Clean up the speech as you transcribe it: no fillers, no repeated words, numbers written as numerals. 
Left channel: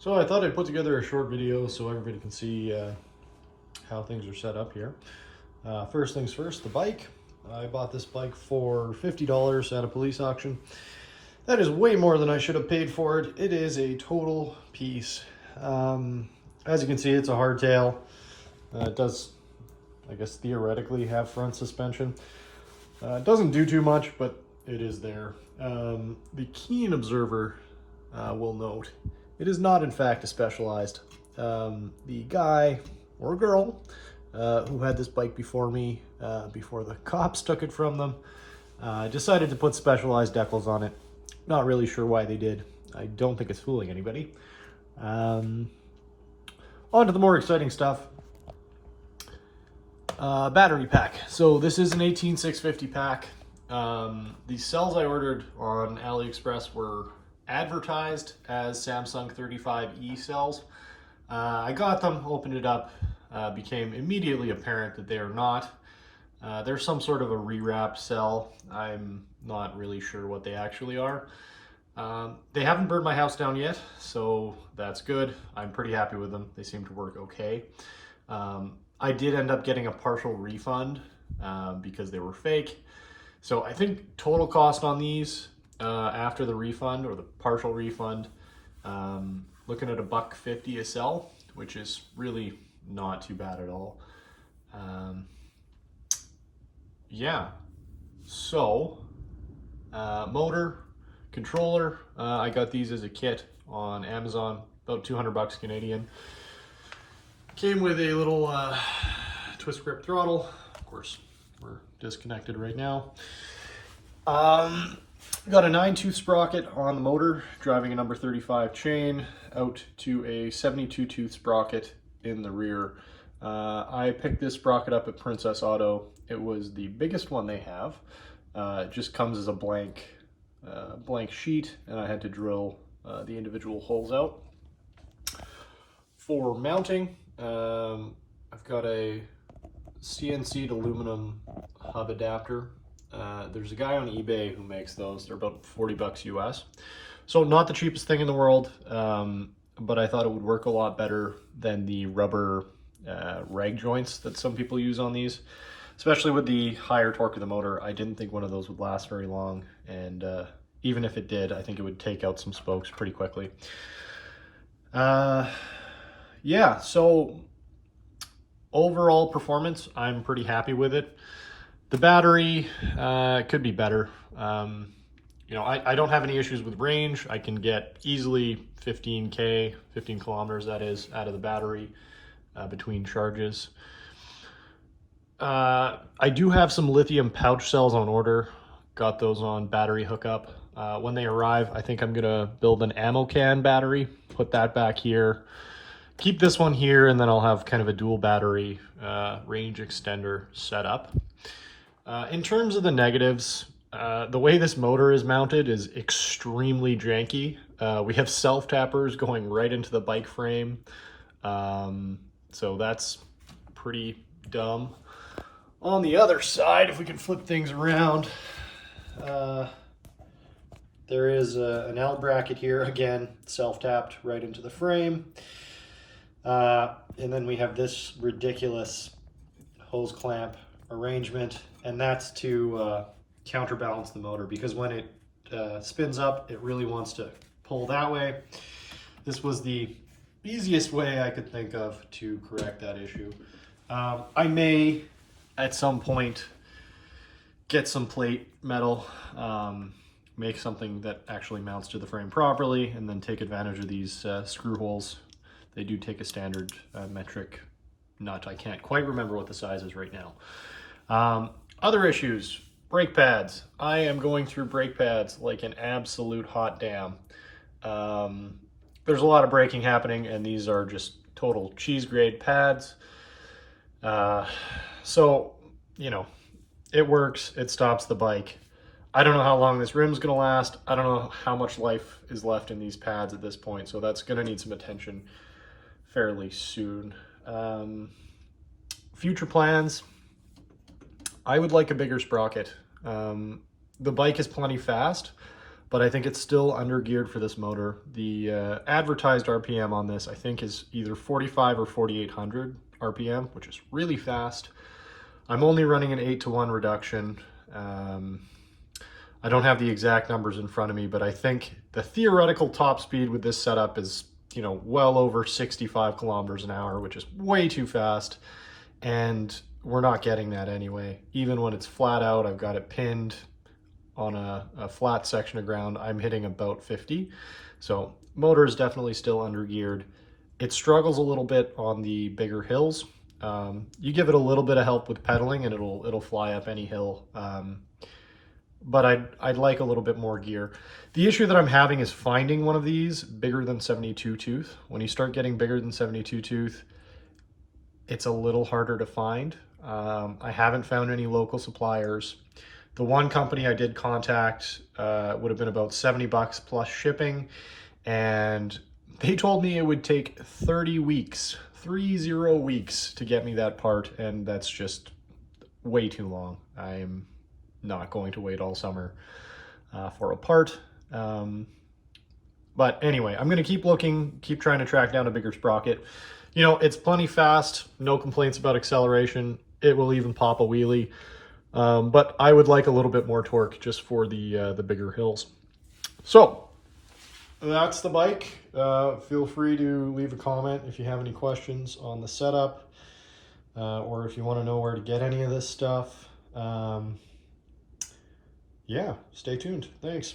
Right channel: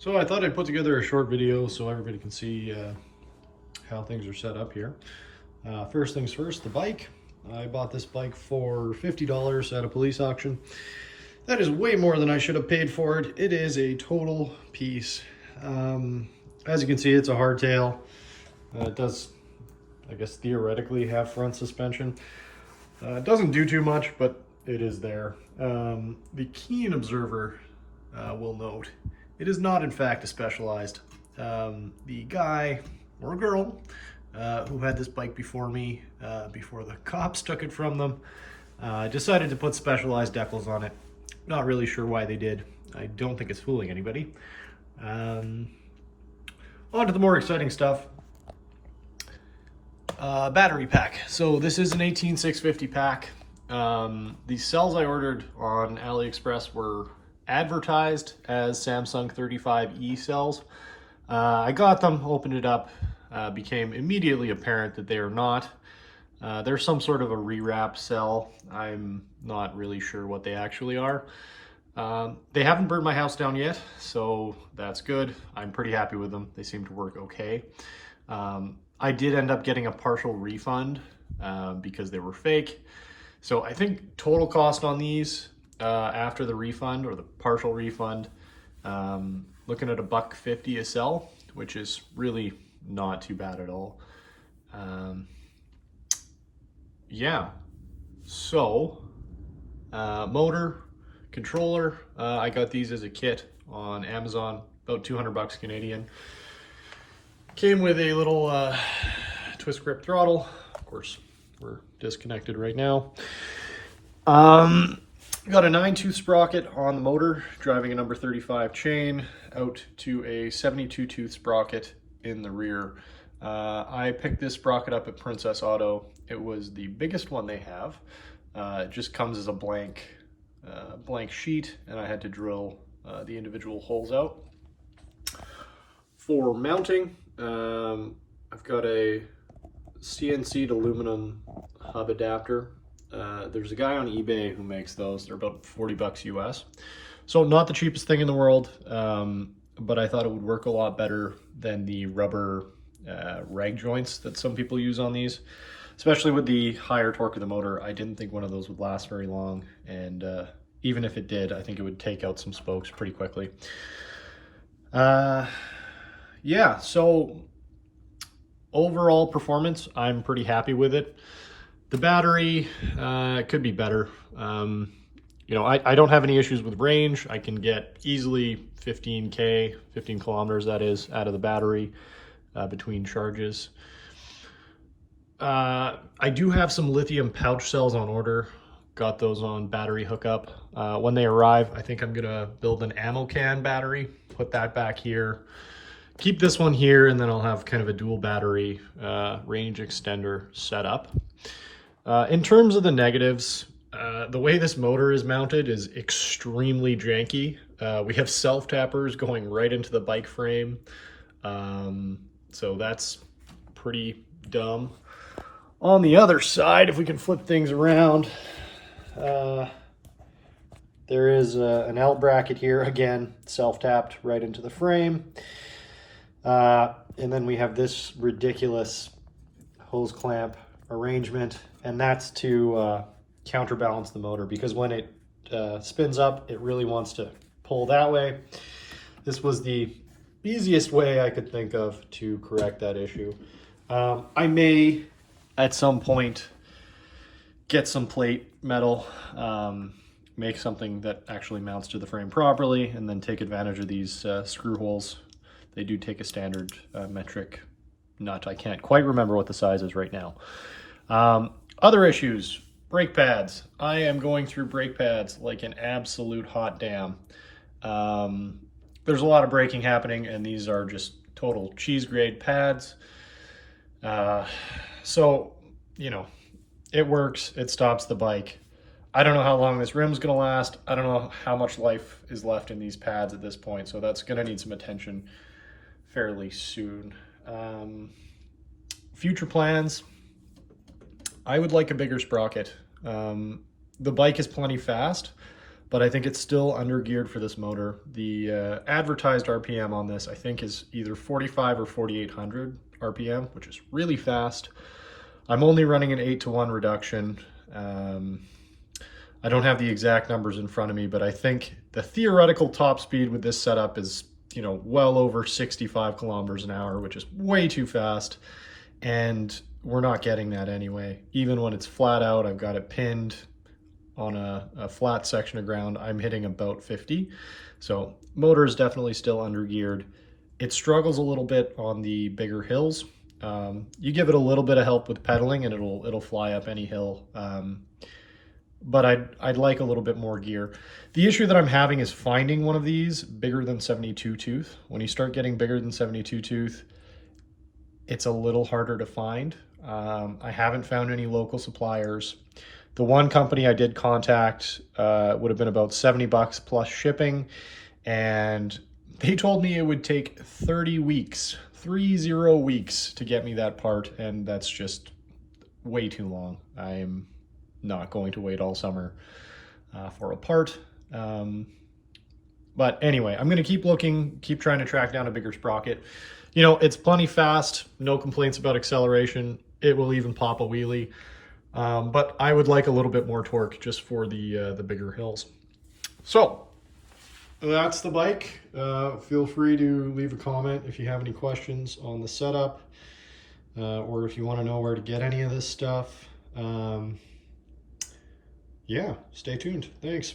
So I thought I'd put together a short video so everybody can see how things are set up here. First things first, the bike. I bought this bike for $50 at a police auction. That is way more than I should have paid for it. It is a total piece. As you can see, it's a hardtail. It does, I guess, theoretically have front suspension. It doesn't do too much, but it is there. The keen observer will note it is not, in fact, a Specialized. The guy or girl who had this bike before me, before the cops took it from them, decided to put Specialized decals on it. Not really sure why they did. I don't think it's fooling anybody. On to the more exciting stuff. Battery pack. So this is an 18650 pack. The cells I ordered on AliExpress were advertised as Samsung 35E cells. I got them, opened it up, became immediately apparent that they are not. They're some sort of a rewrap cell. I'm not really sure what they actually are. They haven't burned my house down yet, so that's good. I'm pretty happy with them. They seem to work okay. I did end up getting a partial refund because they were fake. So I think total cost on these after the refund or the partial refund, looking at $1.50 a cell, which is really not too bad at all. Yeah, so motor, controller, I got these as a kit on Amazon, about 200 bucks Canadian. Came with a little twist grip throttle. Of course, we're disconnected right now. Got a 9-tooth sprocket on the motor, driving a number 35 chain out to a 72-tooth sprocket in the rear. I picked this sprocket up at Princess Auto. It was the biggest one they have. It just comes as a blank sheet, and I had to drill the individual holes out. For mounting, I've got a CNC'd aluminum hub adapter. There's a guy on eBay who makes those. They're about 40 bucks US. So not the cheapest thing in the world, but I thought it would work a lot better than the rubber rag joints that some people use on these, especially with the higher torque of the motor. I didn't think one of those would last very long, and even if it did, I think it would take out some spokes pretty quickly. Yeah, so overall performance, I'm pretty happy with it. The battery could be better. You know, I don't have any issues with range. I can get easily 15 kilometers, that is, out of the battery between charges. I do have some lithium pouch cells on order. Got those on battery hookup. When they arrive, I think I'm gonna build an ammo can battery, put that back here, keep this one here, and then I'll have kind of a dual battery range extender set up. In terms of the negatives, the way this motor is mounted is extremely janky. We have self-tappers going right into the bike frame, so that's pretty dumb. On the other side, if we can flip things around, there is an L bracket here, again, self-tapped right into the frame. And then we have this ridiculous hose clamp arrangement, and that's to counterbalance the motor, because when it spins up, it really wants to pull that way. This was the easiest way I could think of to correct that issue. I may, at some point, get some plate metal, make something that actually mounts to the frame properly, and then take advantage of these screw holes. They do take a standard metric nut. I can't quite remember what the size is right now. Other issues, brake pads. I am going through brake pads like an absolute hot damn. There's a lot of braking happening, and these are just total cheese grade pads. So, you know, it works, it stops the bike. I don't know how long this rim's gonna last. I don't know how much life is left in these pads at this point, so that's gonna need some attention fairly soon. Future plans, I would like a bigger sprocket. The bike is plenty fast, but I think it's still under geared for this motor. The advertised RPM on this, I think, is either 45 or 4800 RPM, which is really fast. I'm only running an 8-to-1 reduction. I don't have the exact numbers in front of me, but I think the theoretical top speed with this setup is, you know, well over 65 kilometers an hour, which is way too fast. And we're not getting that anyway. Even when it's flat out, I've got it pinned on a flat section of ground, I'm hitting about 50. So motor is definitely still under geared. It struggles a little bit on the bigger hills. You give it a little bit of help with pedaling and it'll fly up any hill. But I'd like a little bit more gear. The issue that I'm having is finding one of these bigger than 72 tooth. When you start getting bigger than 72 tooth, it's a little harder to find. I haven't found any local suppliers. The one company I did contact would have been about 70 bucks plus shipping, and they told me it would take 30 weeks, 30 weeks to get me that part, and that's just way too long. I'm not going to wait all summer for a part. But anyway, I'm going to keep looking, keep trying to track down a bigger sprocket. You know, it's plenty fast, no complaints about acceleration. It will even pop a wheelie. But I would like a little bit more torque just for the bigger hills. So that's the bike. Feel free to leave a comment if you have any questions on the setup, or if you want to know where to get any of this stuff. Yeah, stay tuned. Thanks.